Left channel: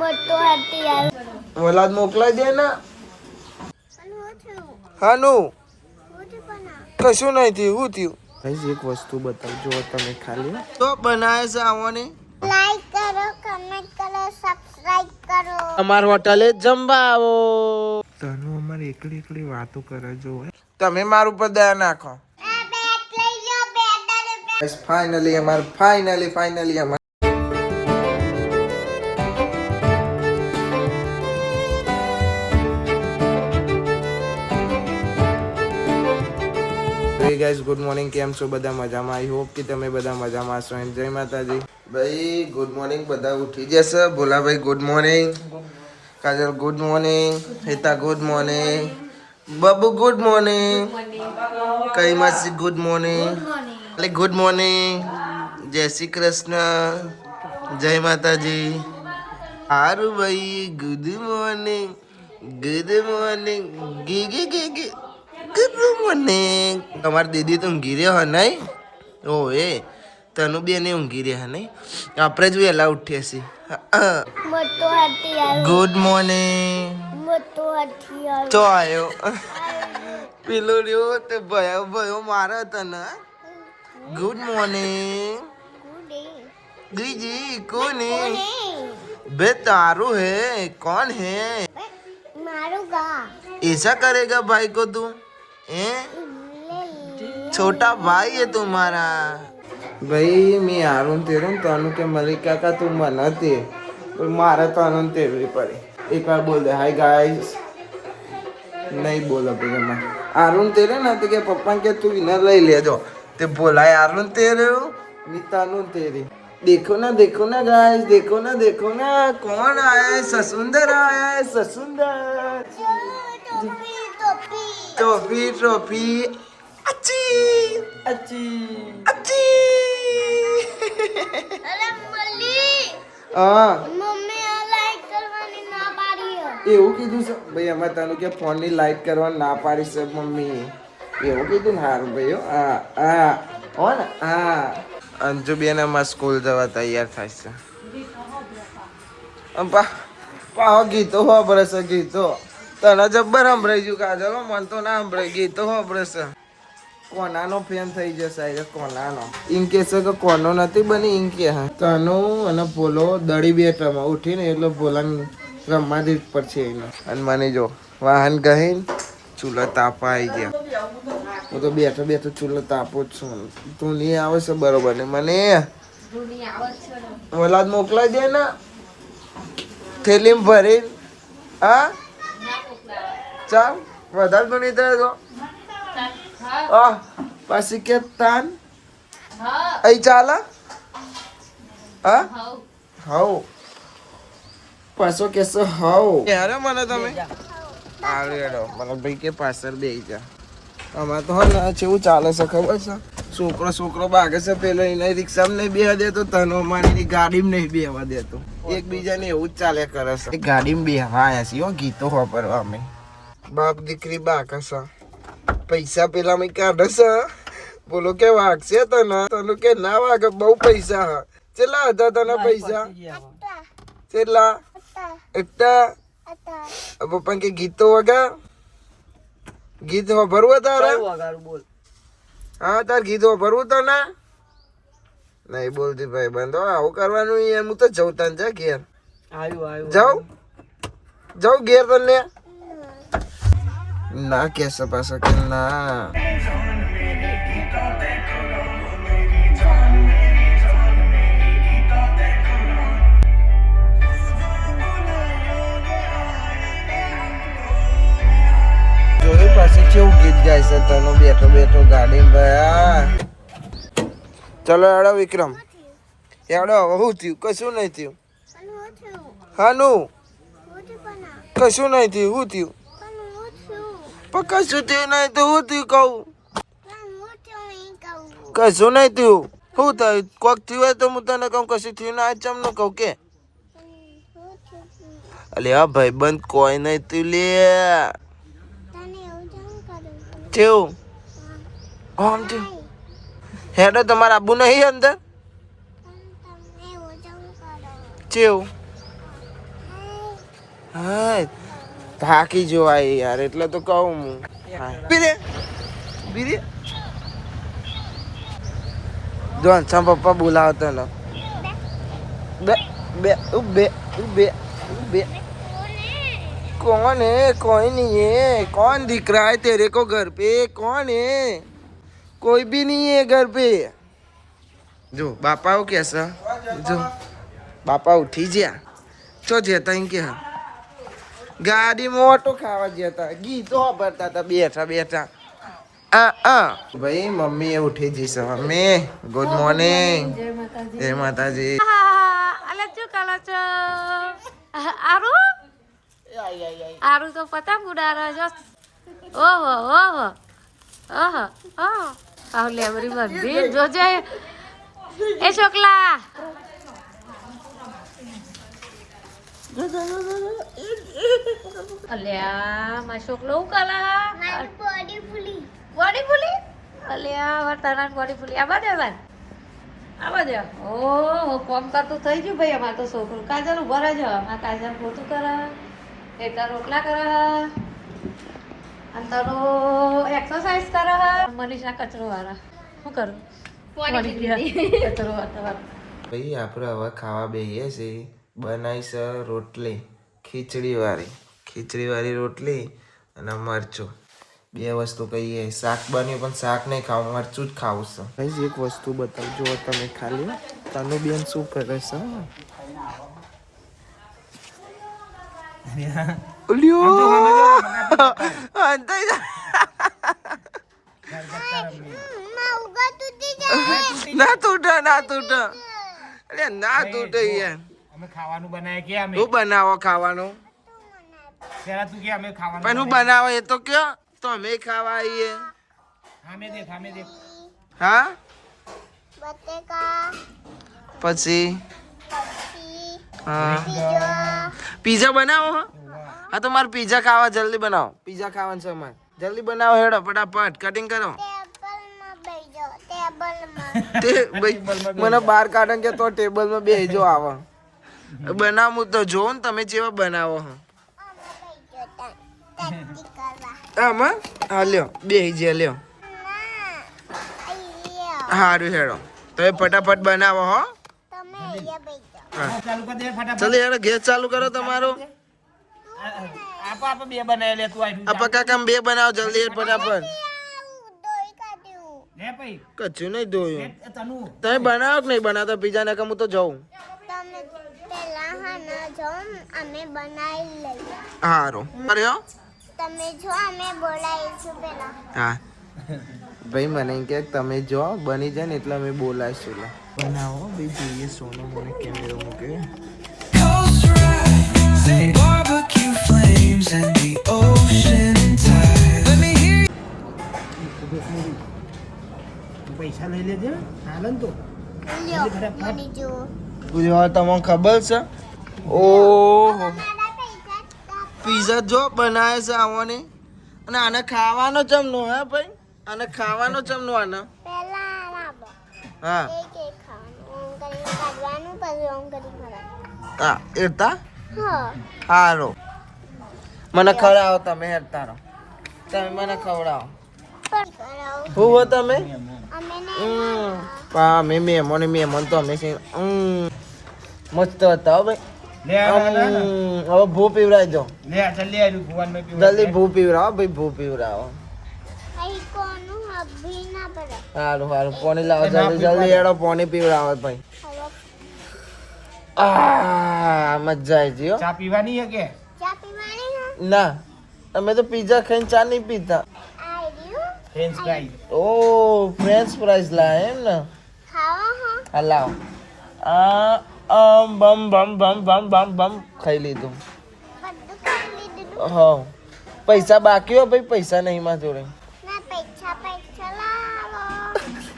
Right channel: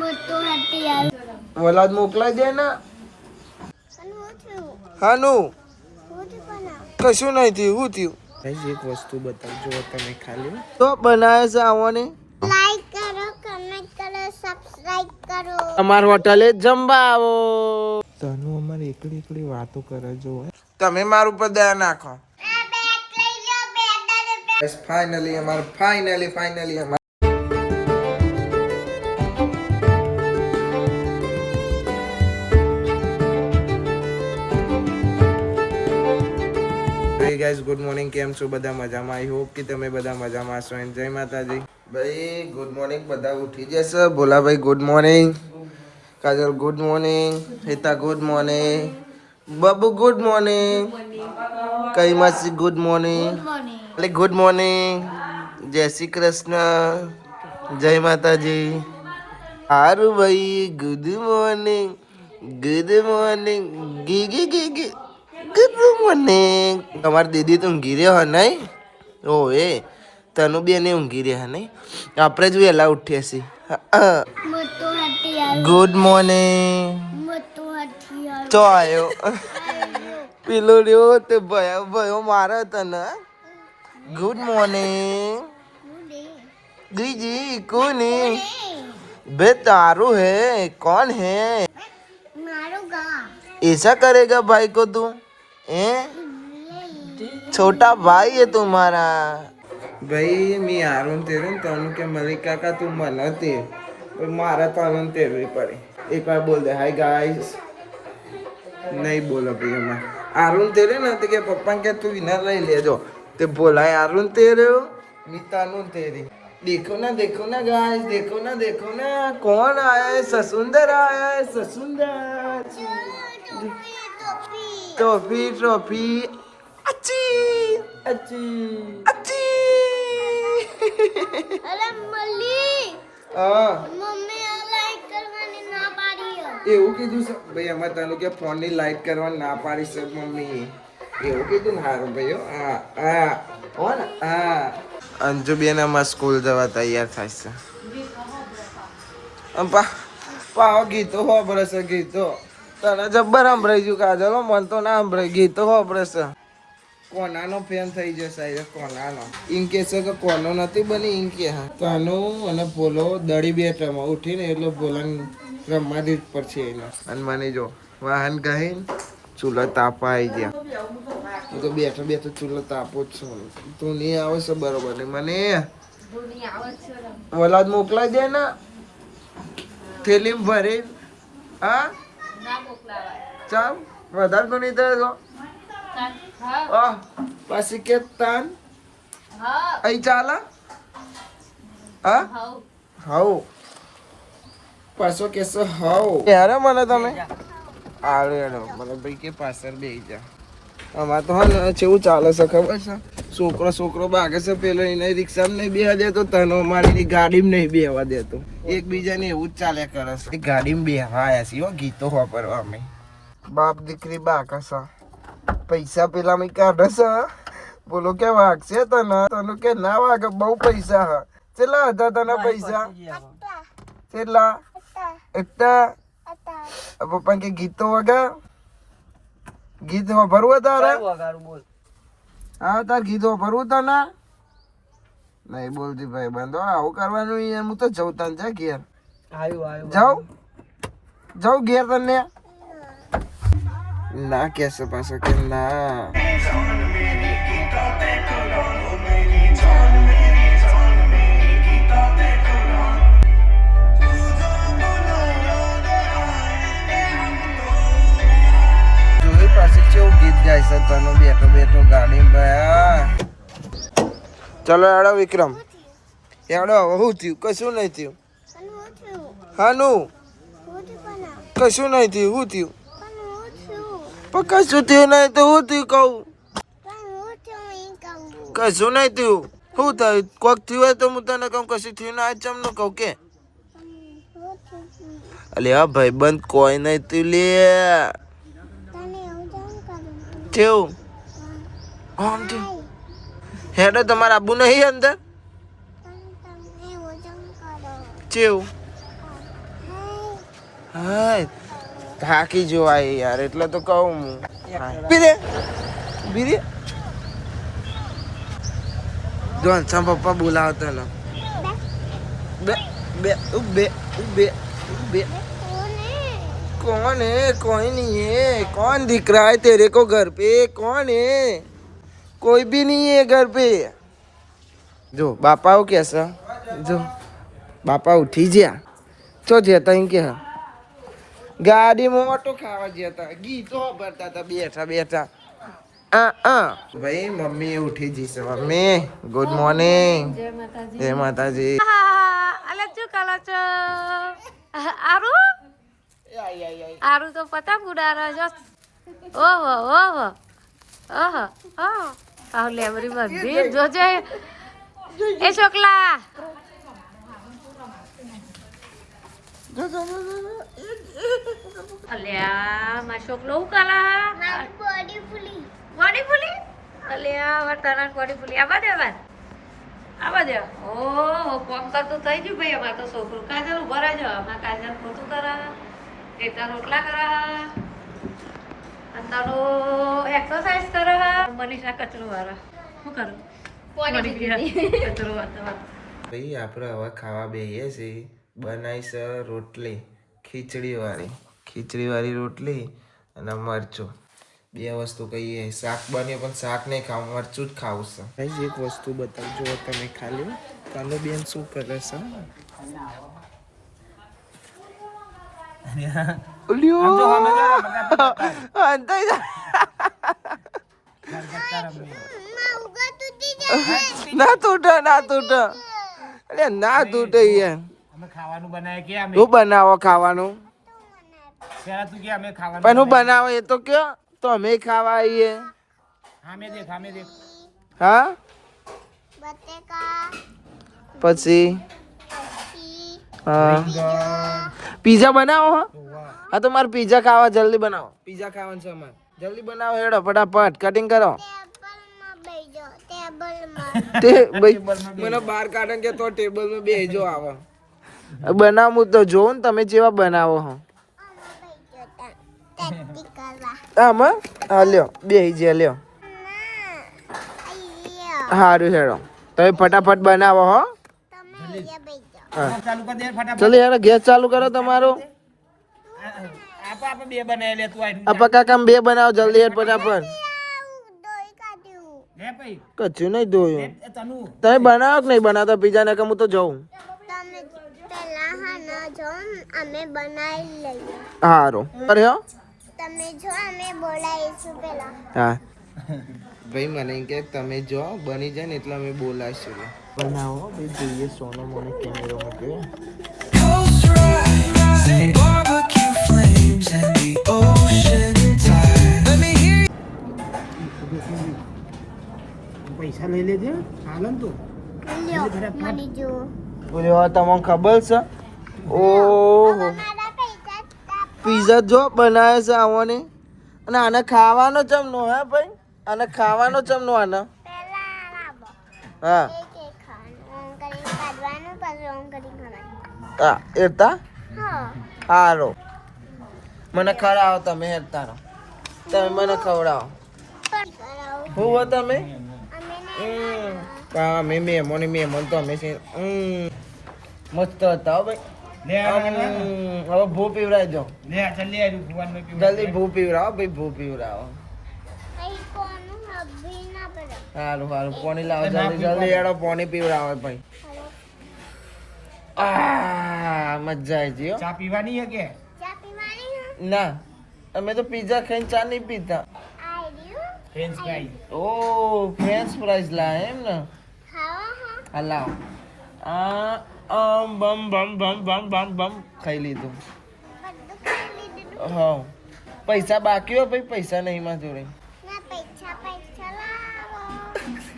મોટો હાથી આવ્યો. વલાદ મોકલાઈ દે ને. હાનું કશું નહીં થયું. શું થયું? એક વસ્તુ બતાવજો તમે ખાલી. તો બનાવે છે આવવાની. લાઈક કરો, કમેન્ટ કરો, સબસ્ક્રાઇબ કરો. અમાર હોટલે જમવા આવો. તનુ અમારે એકલી એકલી વાતો કરે જો. તમે માર ઉપર દયા નાખો. ફાઇનલી અમાર ફાઇનલી અમાર ગાઈસ ગુડ મોર્નિંગ. કેમ છો બધા? મજામાં? આઈ હોપ કે તમે બધા મજામાં છો. જય માતાજી ભાઈ. Good morning. બધા ઉઠી જશે. Bholabhai good morning. Kajal good morning. Heta good morning. Babu good morning. કઈ માસી ગુડ મોર્નિંગ. Good morning. જય શ્રી કૃષ્ણ. જય માતાજી. હારું ભાઈ. Good morning. Good morning. ગી ગી ગી ગી. Good morning. તમારી દીદી તો ઊંઘી રહ્યો હે નહીં? ઓ એ તનુ બેન ઊંઘી રહ્યા નહીં? આપણે જ વહેલા ઉઠીએ છીએ. મોટો હાથી આવ્યો. Good morning. મોટો હાથી આવ્યો. ચો આવ્યો પેલો રહ્યો તે ભયો મારે તને. Good morning. દીજી કોની बे तारू है कौन है? मारूंगा. ऐसा करेगा भाई को तू? छोटा भाई है तुम्हारा. भाई मी आरून तेरून तनु के मलिक काका तुम बनाते पर मारा तनु तेरवी पड़े. एक बार बोल दे हाय गाइस. नहीं बोला भैया मैं आरून तेरे ना तो क्या पप्पा क्या तू इधर ले ले जो ते बोला है आरून तेरे हो मी तनु तेरी. देखो ना गाइस. देखो ना कौन आया है? ससुंदर आया है. ससुंदर टॉफी अच्छी अच्छी अच्छी. अरे मल्ली हाँ मम्मी आ लाइट करवानी ना पाड़ी है. એવું કીધું છે ભાઈ. અમારે તને કે ફોન ની લાઈટ કરવા ના પાડી છે મમ્મી. એવું કીધું ને સારું ભાઈ. હા હો ને હા. અંજુ બેન અમારે સ્કૂલ જવા તૈયાર થાય છે. પાહો ગીતો હોબળે છે. ગીતો તને જબ્બર સંભળાઈ ગયું કાજલ. મન તો ના સંભળાઈ. ગીતો હોબળે છે. કોનાનો ફેન થઈ જશે. કોનાનો ઇન કે છે કે કોનો નથી બની ઇન કે તનુ અને ભોલો દડી બેઠામાં ઉઠીને એટલે ભોલાને રમવા દીધ પર છે એને. અને મને જો વાહન ગહીને ચૂલો તાપા આવી ગયા. હું તો બેઠો ચૂલો તાપો જ છું. તું નહીં આવે છે બરોબર ને મને વલાદ મોકલાઈ દે ને થેલીમાં ભરી. હા ચાલ વધારે તો નહીં થાય તો પાછી કે તાન અહીં ચાલે. હા હાઉ પાછો કેસો હાઉ યાર મને તમે આવે મને ભાઈ કે પાછળ બેસી જા. આમાં તો હા ને કેવું ચાલે છે ખબર છે? છોકરો ભાગે છે પેલો એને રિક્ષામાં નહીં બેવા દેતો. તનો મારી ગાડીમાં નહીં બેવા દેતો. એકબીજાને એવું જ ચાલ્યા કરે છે. ગાડીમાં બેવા આવ્યા છીએ ગીતો વાપરવા અમે. બાપ દીકરી બાકા છે. પૈસા પેલા મેં કાઢે છે. બોલો કે વાગશે તને કે ના વાગે. બહુ પૈસા હા. ચેલા હતા તને પૈસા? ચેલા એટલા પપ્પા કે ગીતો વગા ગીત ભરવું તારે? હા તાર ગીત ભરવું તને નહીં બોલતી ભાઈ બંધો. આવું કરવાનું યાર. હું તો જઉં તને જા ઘેર. જાઉં ઘેર તને ના કેસે પાછો કે ના. જોયું પાછું કેવું ગીત ગાય છે તને બેઠો ગાડીમાં ભયા. ચલો એડો વિક્રમ એડો. હવે શું થયું? કશું નહીં થયું. હાનું કશું નહીં થયું. શું થયું? પણ કશું થયું નહીં તો શું થયું કહું? કશું નહીં થયું. શું થયું? કોક થયું હોય તો હું તને કહું. કશું થયું ના ચમ કહું કે અલે હા ભાઈ બંધ કોઈ નહીં તું લે. થયું આમ થયું. હેડો તમારે આબુ નહીં અંદર? ચેવું હા થાકી જોવાય યાર એટલે તો કહું હું બીરે બીરે જો અંશા પપ્પા બોલાવતા ને બે બે બે બે બે कौन है कोई नहीं है कौन दिख रहा है तेरे को घर पे कौन है कोई भी नहीं है घर पे जो बापा हो कैसा जो बापा उठी गया चो जता इनके गाड़ी में ऑटो खावा जता गीतो भरता था बैठा बैठा भाई मम्मी उठी जी सवा में गुड मॉर्निंग जय माताजी અલે શું કરો છો આરુ આરુ તો પતંગ ઉડાડે છે ઓહો ઓહો ઓહો ઓહો પાવલે બરી બધી જોજે એ છોકલા અલ્યા માં છોકલો હું કરા મારી બોડી ફૂલી બોડી ફૂલી અલ્યા વર્તના બોડી ફૂલી આવા દે બાર આવા દે ઓહો કોમ કરતું થઈ ગયું ભાઈ અમાર તો છોકરું કાજલ ઉભા રહેજો અમાર કાજલ ખોટું કરા એટા રોટલા કરા અને તારો એક્સરસાઇઝ કરા મનીષા કચરો વાળા શું કરું કચરો વાળા ભાઈ આપણે હવે ખાવા બેહીએ છીએ બનાવી છે રોટલી ખીચડી વાળી રોટલી અને મરચું બે વસ્તુ કહીએ શાક બન્યું પણ શાક નહીં ખાવું મરચું જ ખાવું છે ભાઈ એક વસ્તુ બતાવજો તમે ખાલી તનુ બેન શું કરે છે ના તૂટે અરે ના તૂટે યાર અમે ખાવાનું બનાવે કે અમે તું બનાવો ખાવાનું પેલા તું કે અમે ખાવાનું પણ હું બનાવો એ તો કયો તો અમે ખાવા આવીએ અમે દેખ હા બટેકા પછી પછી હા પીઝા પીઝા બનાવો હો હા તો મારે પીઝા ખાવા જલ્દી બનાવો પીઝા ખાવાનું છે મારે જલ્દી બનાવો હેડો ફટાફટ કટિંગ કરો ટેબલમાં બેજો ટેબલમાં ભાઈ મને બહાર કાઢે કે તો ટેબલમાં બેજો આવે બનાવું તો જોવો ને તમે જેવા બનાવો હો ટેટી કરવા આમાં હા લ્યો બે જે લ્યો ના અહીંયા સારું હેડો તમે ફટાફટ બનાવો હો તમે અહીંયા બેજો હા ચાલુ કરી દે ફટાફટ ચલો હેડો ગેસ ચાલુ કરો તમારો આપા બે બનાવી લે તું આઈ આપા કાકા બે બનાવો જલ્દી હેડ ફટાફટ દોઈ કાઢ્યું લે ભાઈ કચ્છું નહીં ધોયું તનુ તમે બનાવો કે નહીં બનાવતા પીઝા ને કે હું તો જઉં તમે પેલા હા ના જો અમે બનાવી લઈએ સારું અરે હો તમે જો અમે બોલાવીશું પેલા હા ભાઈ મને કે તમે જો બની જાય ને એટલે અમે બોલાવીશું બનાવો ભાઈ જોઈએ સોનો મને કેમેરો મૂક્યો Coast rides and barbecue flames and the ocean tide. Let me hear પૈસા લઈ લેજે હાલો ને તો લ્યો મને જો પૂછવા તમને ખબર છે ઓહો પીઝા જો બનાવે છે આવવાની અને આને ખાવાનો ચમનો હે ભાઈ આને ખાવાનો ચમનો આને પેલા લાવો હા એક એક ખાવાનું ઓમ કરીને કાઢવાનું પછી ઓમ કરીને ખાવાનું હા એતા હા હારો મને ખવડાવો તમે હેરતારો તમે મને ખવડાવો પણ કરાવો હું હો તમે અમે અમે મહેમાન તો અમે છે મસ્ત હતા હો ભાઈ લે હવે ભૂ પીવડાવી દો લે જલ્દી આવી ભગવાન મે પીવું જલ્દી ભૂ પીવડાવો ભાઈ ભૂ પીવડાવો અહીં કોનું હબી ના પડે સારું પાણી લાવો જલ્દી એડો પાણી પીવડાવો ભાઈ આ મજા આવી ગઈ હો ચા પીવાની હે કે ચા પીવાની હા ના તમે તો પીઝા ખાઈને ચા નહીં પીતા આ રહ્યું ફ્રેન્ચ ફ્રાઈઝ ઓ ફ્રેન્ચ ફ્રાઈઝ લાવે એમ ને ખાવા હા હા લાવો બમ બમ બમ બમ બમ બમ ખાઈ લીધું બધું ખાઈ લીધું હા પૈસા બાકી હો ભાઈ પૈસા નહીં માં જોડે ના પૈસા લાવો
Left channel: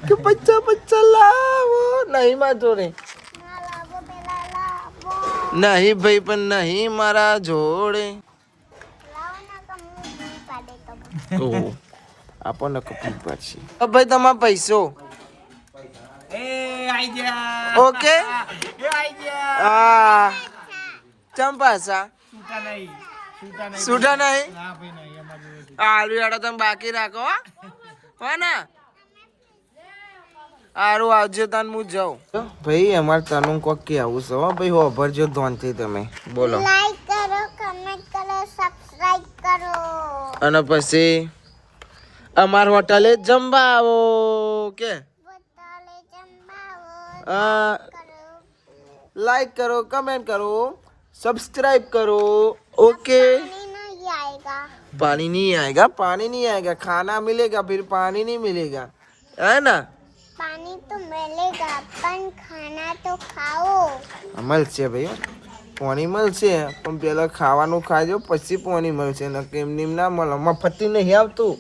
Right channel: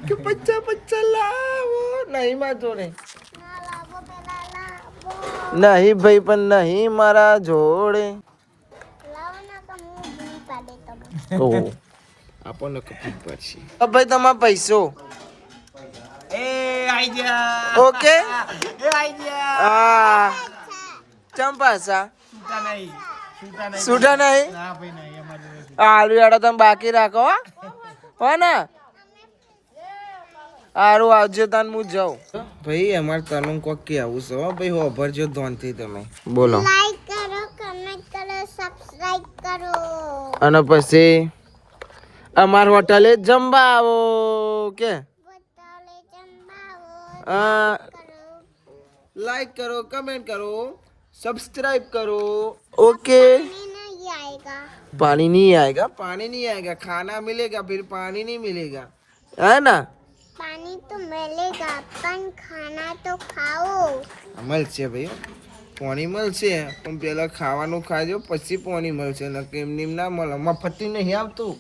કે પૈસા લાવો નહીં માં જોડે ના લાવો પેલા લાવો નહીં ભાઈ પણ નહીં મારા જોડે લાવો ના તો હું બી પાડે તો ઓહો આપણને કપી પડશે ભાઈ તમારા પૈસો એ આઈ જા ઓકે એ આઈ જા હા ચંપાસા છૂટા નહીં. છૂટા નહીં. છૂટા નહીં ના ભાઈ નહીં અમારે જોડે. આલુ હેડો તમે બાકી રાખો હો. હો ને સારું આવજે તાન હું જાઉં ભાઈ અમારે તનું કોક કેવું છે હો ભાઈ હોભરજો ધોનથી તમે બોલો લાઈક કરો કમેન્ટ કરો સબસ્ક્રાઇબ કરો અને પછી અમાર હોટલે જમવા આવો કે બોતલે જમાવો આ કરો लाइक करो कमेंट करो सब्सक्राइब करो ओके पानी नहीं आएगा पानी नहीं आएगा खाना मिलेगा फिर पानी नहीं मिलेगा है ना पानी तो मिलेगा पण खाना तो खाओ મળશે ભાઈ પાણી મળશે પણ પેલા ખાવાનું ખાજો પછી પાણી મળશે ને કેમ નીમ ના મળે મફતી નહીં આવતું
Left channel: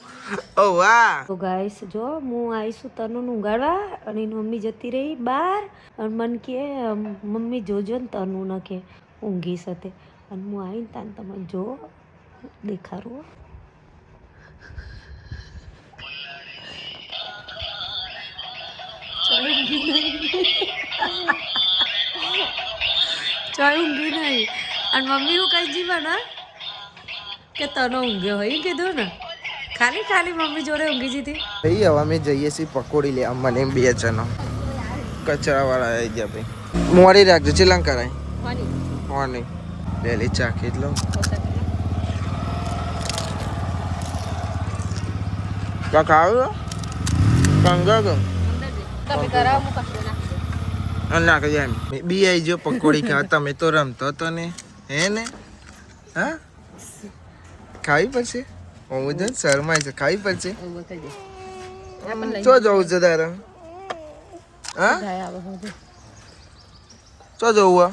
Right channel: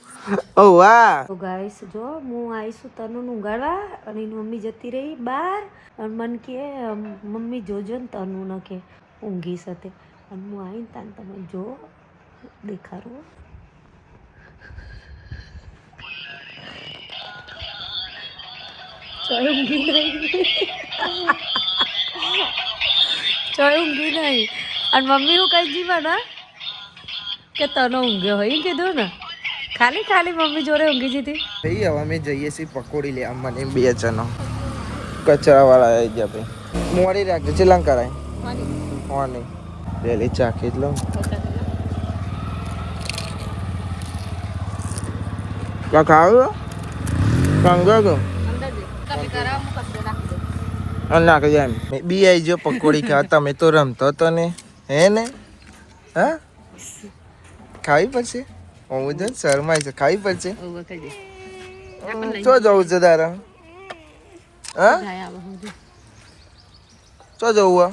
ઓ વાહ તો ગાઈસ જો હું આવીશું તનુને ઊંઘાડવા અને એની મમ્મી જતી રહી બહાર અને મને કે મમ્મી જોજો ને તનુ ન કે ઊંઘી સાથે અને હું આવીને તાન તમે જો દેખાડું ચાય ઊંઘી નહીં અને મમ્મી હું કઈ જીવાના કે તનો ઊંઘ્યો હોય કીધું ને ખાલી ખાલી મમ્મી જોડે ઊંઘી જતી ભાઈ હવે અમે જઈએ છીએ પકોડી લે મને 2 જણો કચરા વાળા આવી ગયા ભાઈ મોડી રાખજો ચેલાં કરાય મોર્નિંગ પહેલી ચાખી લો કા ખાવ કાંગા તો નાખી જાય બી આવી જો પકોડી ખા તમે તો રમતો તો ને હે ને હા ખાવી પડશે હું જ શરમાય છે ખાવી પડશે ચો જવું છે તારે હા ચો જવું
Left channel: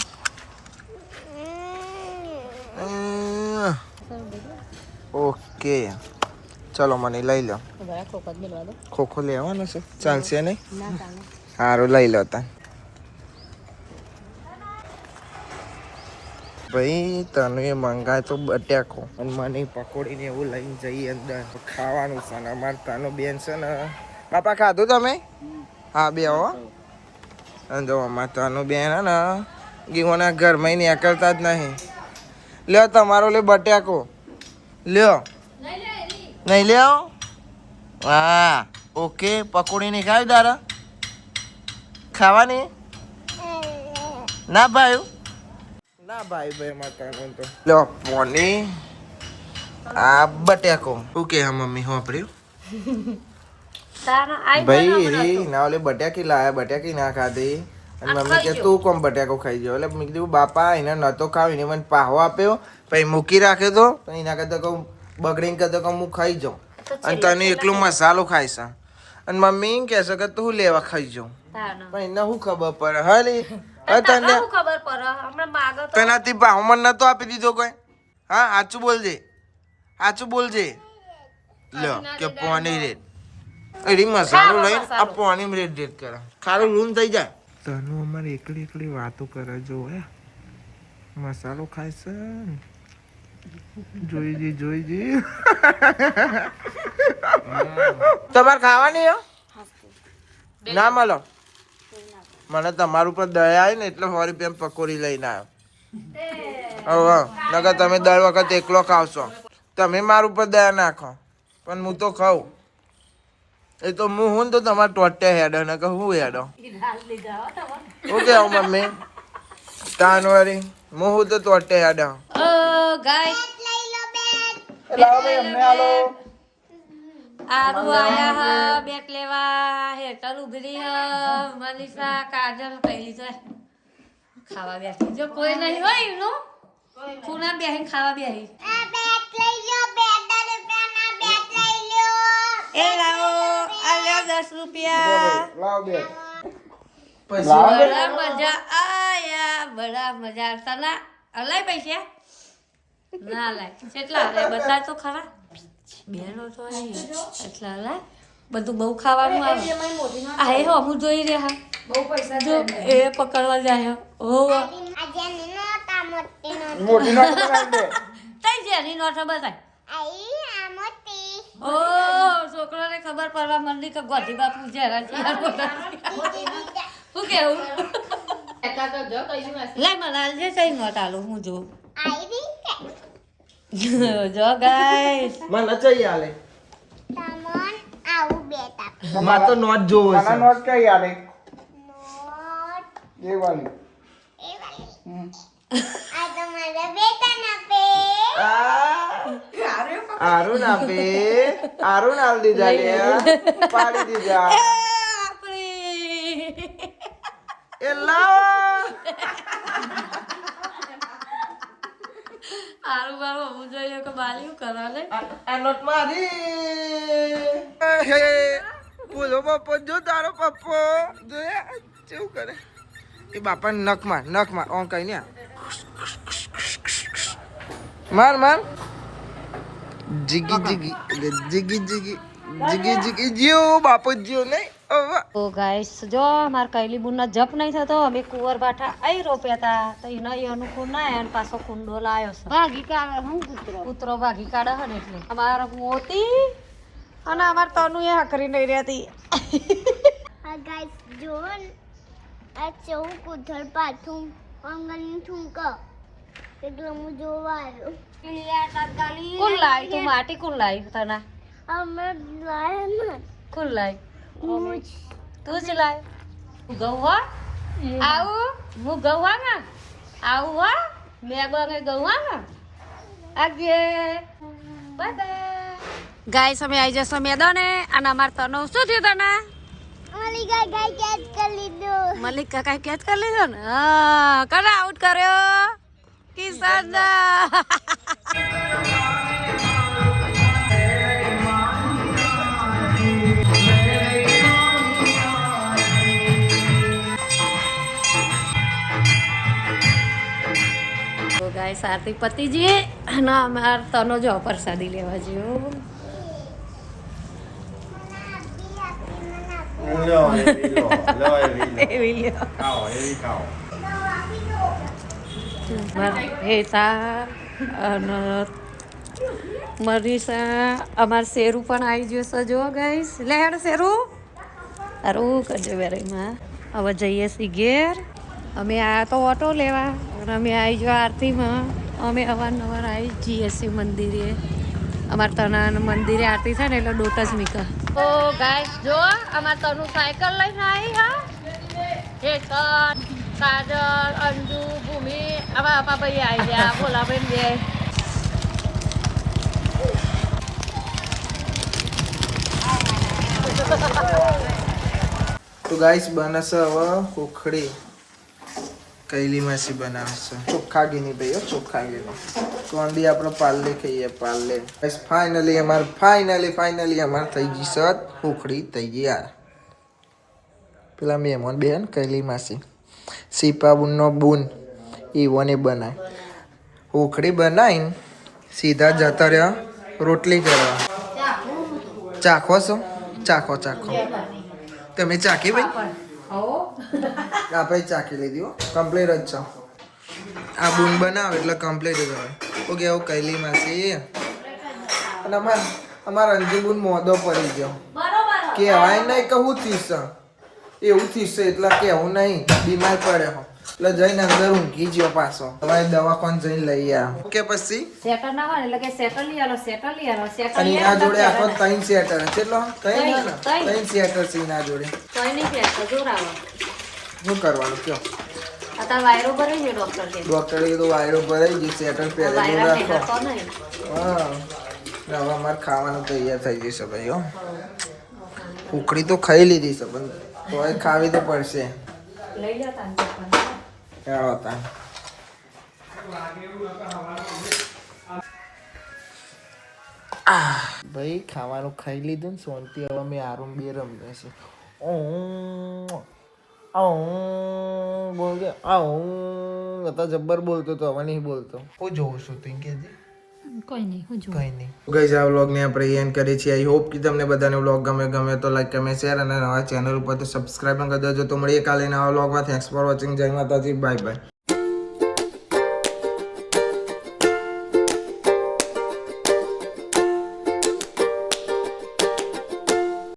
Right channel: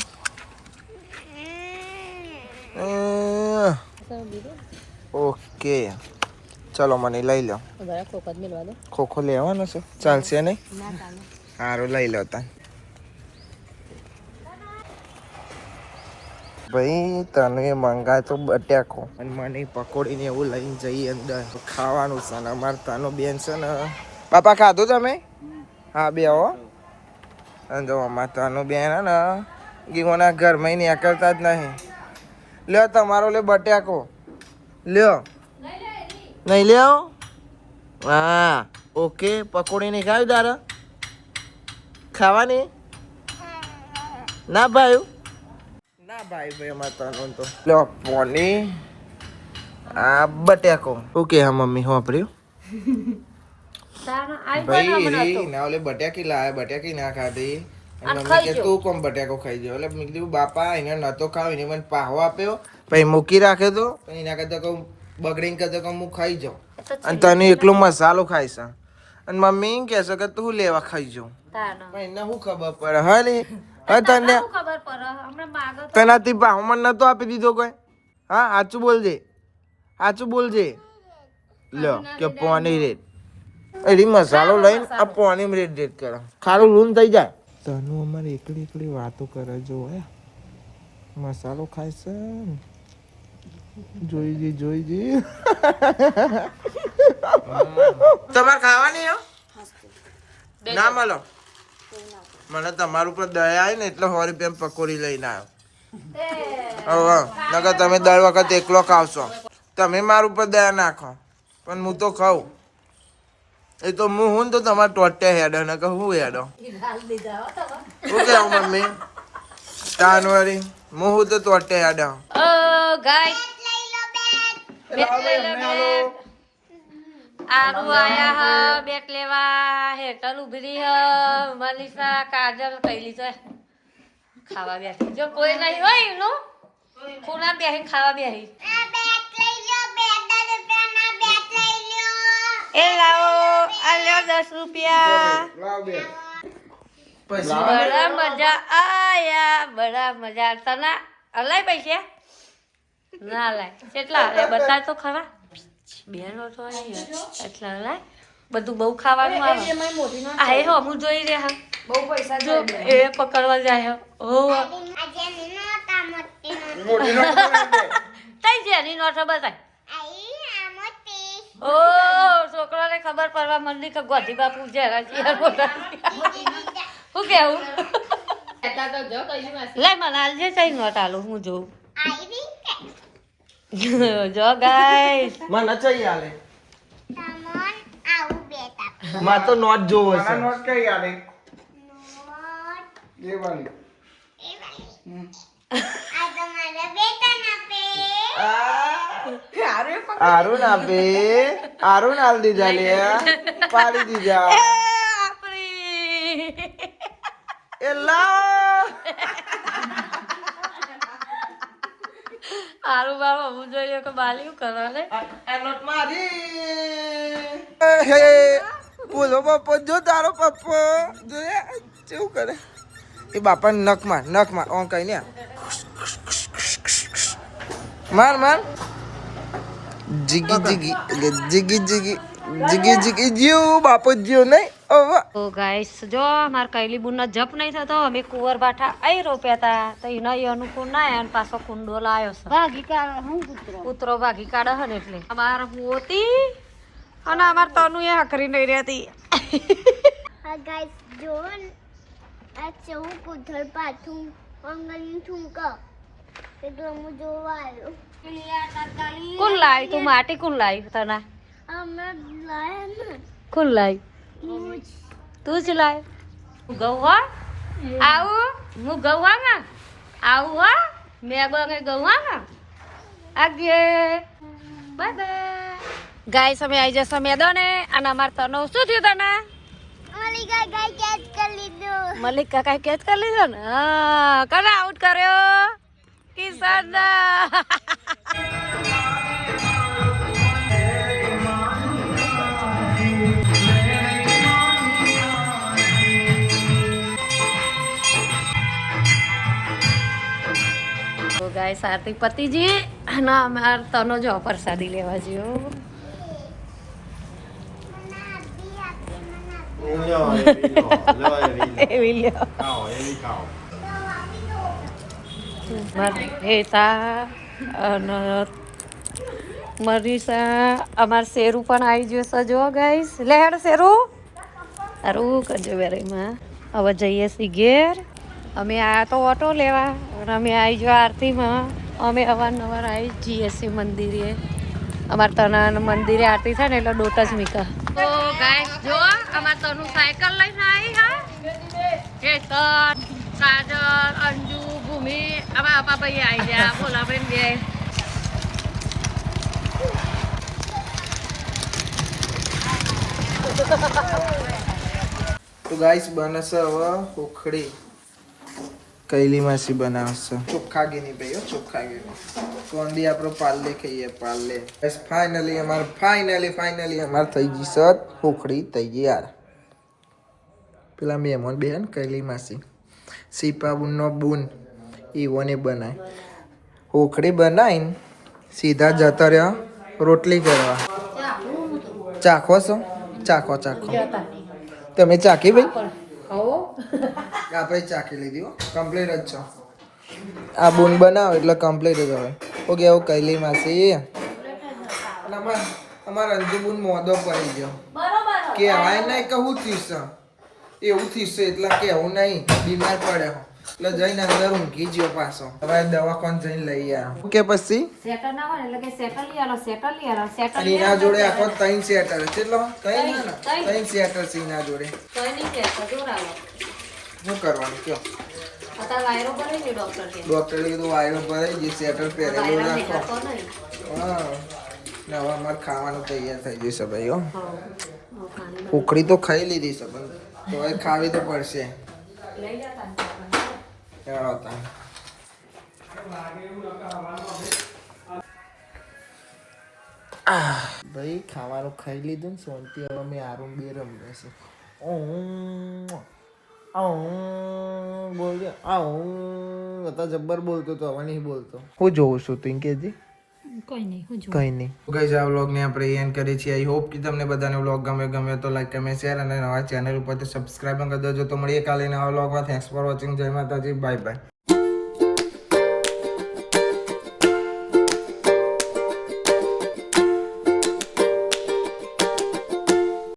ઓકે ચલો મને લઈ લો ખોખો લેવાનો છે ચાલશે નહીં સારું લઈ લો તા ભાઈ તને એ મંગાય તો બટાકો અને મને પકોડી ને એવું લઈને જઈએ અંદર ખાવાનું છે ને અમારે તાનો બેન છે ને બાપા ખાધું તમે હા બે હો અને જો અમારે તાનો બેન હે ને ગીવોના ઘરમાં નીકળતા જ નહીં લ્યો તમારો લે બટાકો લ્યો નહીં લ્યો હા ઓકે પકોડી નહીં ખાવી તારા ખાવાની ના ભાઈ ના ભાઈ અમારે તનો તો લ્યો પોની આ બટાકો ઓકે હા મમ્મી વાપર્યું ભાઈ રે ના ઓલે બટાકી લાયા બટાકી ના ખાધી અને મમ્મી કે તું કોમ બટાકો ખાઈ ગયો એટલે મેં કીધું બાપા એને નતો ખાવ એને મને પાહો આપ્યો પછી મૂકી રાખ્યો તો પણ એના કરતા કહું બગડીને કરતો કહું હું ખાઈ જાઉં અને તને એકલો મસાલો ખાઈશ અને મમ્મી કહે છે કે તું લેવા ખાઈ જાઉં પણ એને શું ખબર પડે હા રે તને તેનાથી પાહો મને નતો આપી દીધો કોઈ હા સાચું બોલજે લ્યો કે પાણી રેટ એડી મસાલો લઈને આ પાણી રેટ કરે ખારું લૂન થઈ જાય તનું અમારે એકલી વાતો કરે જો મસાલો ખાય છે જોઈજી તમારે ખાવાની હો ના મળો મને તમારું પર દયા આવી ને એટલે 100 રૂપિયા પકોડી લઈને આવ્યો નકર તમે દર વખત એકલો ખાવશો તમે મારું પર દયા નાખો પણ હું તો ખાઉં એ તો હું તો તમારે ટોટે હેડો ને કે હું હેડો શું કેવું મમ્મી તાનવારી હું તો ટોટે હેડો ગાય આરુ આયા હા બેટ લેવા હેતલ ઉભી રહી હ મનીષા કાજલ કઈલી છે ખાવા બેઠી જો કોઈ નહીં હોય એનું ખૂણા બેહીને ખાવા બેહી એ લાવો આ લ્યો 10 રૂપિયા બડા મજા આયા બડા મજા તને અલાય પૈસા ના લાય કેટલા અલાય બતા તો ખરા બેનો તો એટલા અલાય બધું બહુ ખાવાનું આવે આ હે હું જોઈ રહ્યા બહુ પૈસા જો એ પકડવા જાય હો તઈ જેની નોટ બતાય ઓ છોકરાને ખબર પડવા મંડી કે ગોધી બાપુ જરા શું કેવું લાય મને આલજે તઈ નોટ આલું હું જોઉં જો ગાઈસ મને ચઈ આલે તમન આવું બેટા માર તો નોટ જોવો છે નોટ કઈ આલે નોટ એ વાલી એ વાળી આ તમારા બેટા ના પે આરુણ આપે આરુણ આલ દીધા લે કાઢી દીધા આપણી એ લાવ આરું બાબા હું જોઈએ કે બાલી કરવા રે આ નોટ મારી હે બોલો પપ્પો જો તારો પપ્પો જોયા કેવું કરે એ બાપા નખ માર ઓન કઈ ને માર માર જીગી જીગી જીગી જીગી જીગી જીગી જીઓ બાપો જીઓ નહીં તો ગાઈસ જો માર કૈલી બુનનો જપ નહીં થતો અમે કુંવર બાઠા આઈ રોપ્યા તા તો એનો ઈ અનુકૂળ ના અને પાછો કુંડો લાયો છે ભાગી કાઢે હું કૂતરો ભાગી કાઢે હે ને એટલે અમાર મોતી અને અમાર તનુ એ હકરી નહીં રહેતી આ ગાઈસ જો આ ચૌ કુધર પાથું અંગલની ઠુંકો એટલે હું જોવા આવ્યો લીયા કાકાલી કોણ લાવી તું માટી કોણ લાવી તને અમે લાયા ને કોણ લાવી હું તું જ લાવી ગૌવા આવું હું ગૌવા ને આવું હા મેં બને ગૌવા ને આજે બાય બાય ગાઈસ અમે આવી જશો મેદાને અને અમાર તનો શું થયું તને મલિકા ગાય કેચ કરી લીધો મલિક કાકા કેચ કરી લીધો ને હા કોને આઉટ કર્યો કિશન તો ગાઈસ આરતી પતિજી અને અમાર તનો જો પ્રસાદી લેવા જ્યો એવી લ્યો માર હેતા અને મરીસા અમાર શેરું પણ આવી ગયો છે જો ગાઈસ લે હેડ શેરું સારું કરજો વેરીમાં હવે જઈએ છીએ ઘેર અમે આ તો ઓટો લેવા અને અમે આવી જો આરતીમાં અમે અવારનવાર આવી જઈએ છીએ મંદિરે અમારે તના મંદિરે આરતી થાય ને એટલે દોટ જ મીકા તો ગાઈસ જો અમાર તનું સાયકલ લઈને આવી હા હેતન કાજલ અંજુ ભૂમિ હવે આપા ભાઈ આવી ગયા બોલા બેન બે તો ગાઈસ બનશે હવે ઉખડી કૈલી માસી બનાવશે ચોખ્ખા ઘીની ભાઈ ચોખ્ખા ઘીનો કોંદી આપણે પાલ્લે ખાઈએ પાલ્લે ગાઈસ ફાઇનલી અમાર થઈ ગઈ સત ઉખડી થઈ ગઈ યાર પેલા મહેમાન બેન કૈલી માસી સીપા બુનનો બુન ઈવોને બનાય ઉખડી બનાવીને સીધા જતા રહ્યા રોટલી કરવા ચાખો છો ચાખો તમે ચાખી ભાઈ આપણે ચાખી લીધી હો કમ્પ્લીટ જ છો આ બૂન બનાવો એટલે કમ્પ્લીટ જ હવે ઓકે આવું કૈલી માસી અને અમારા અંજુ બૂન મોદો પડી ગયો કહેવાય નહીં કહું થીશ એવું થીશે એટલે કેવું નહીં બીમાર પડ્યો એટલે જઈને અંદર ઊંઘી ગયો પાછો તમારે દવાખાને જઈને લઈ આવો ઓકે પછી સેટર ના હોય એટલે કે સેટર લઈ આલો અને એના જોડે આખો 3 સેટર કેટલો કઈ ના 3 સેટર છે એના જોડે શું કરવાનું કયો ડોક્ટરે કીધું વાયરો ભરાઈ ગઈ સેટર પહેરેલું રાખો હા હવે અમારે ખાવાનું તૈયાર થઈ જશે ભાઈ હો ઉખડી તો ખાઈ લીધી છે પણ તોય ખાવી તો પડશે ભાઈ ખાવાનું ખાઈ લીધું ને સોનથી હવે અમે આરુમ બે રમીએ છે બોલજો હતા જબ્બર બોલતો તો હવે નહીં બોલતો હું જોઉં છું તું કેજી કઈ નહીં ગાઈસ આ વ્લોગને આપણે એન્ડ કરીએ છીએ આઈ હોપ કે તમને બધાને વ્લોગ ગમે તો લાઈક કમેન્ટ શેર અને નવા ચેનલ ઉપર તો સબસ્ક્રાઇબ કરી દેજો તો મળીએ કાલે નવા વ્લોગમાં થેન્ક્સ ફોર વોચિંગ જય માતાજી બાય બાય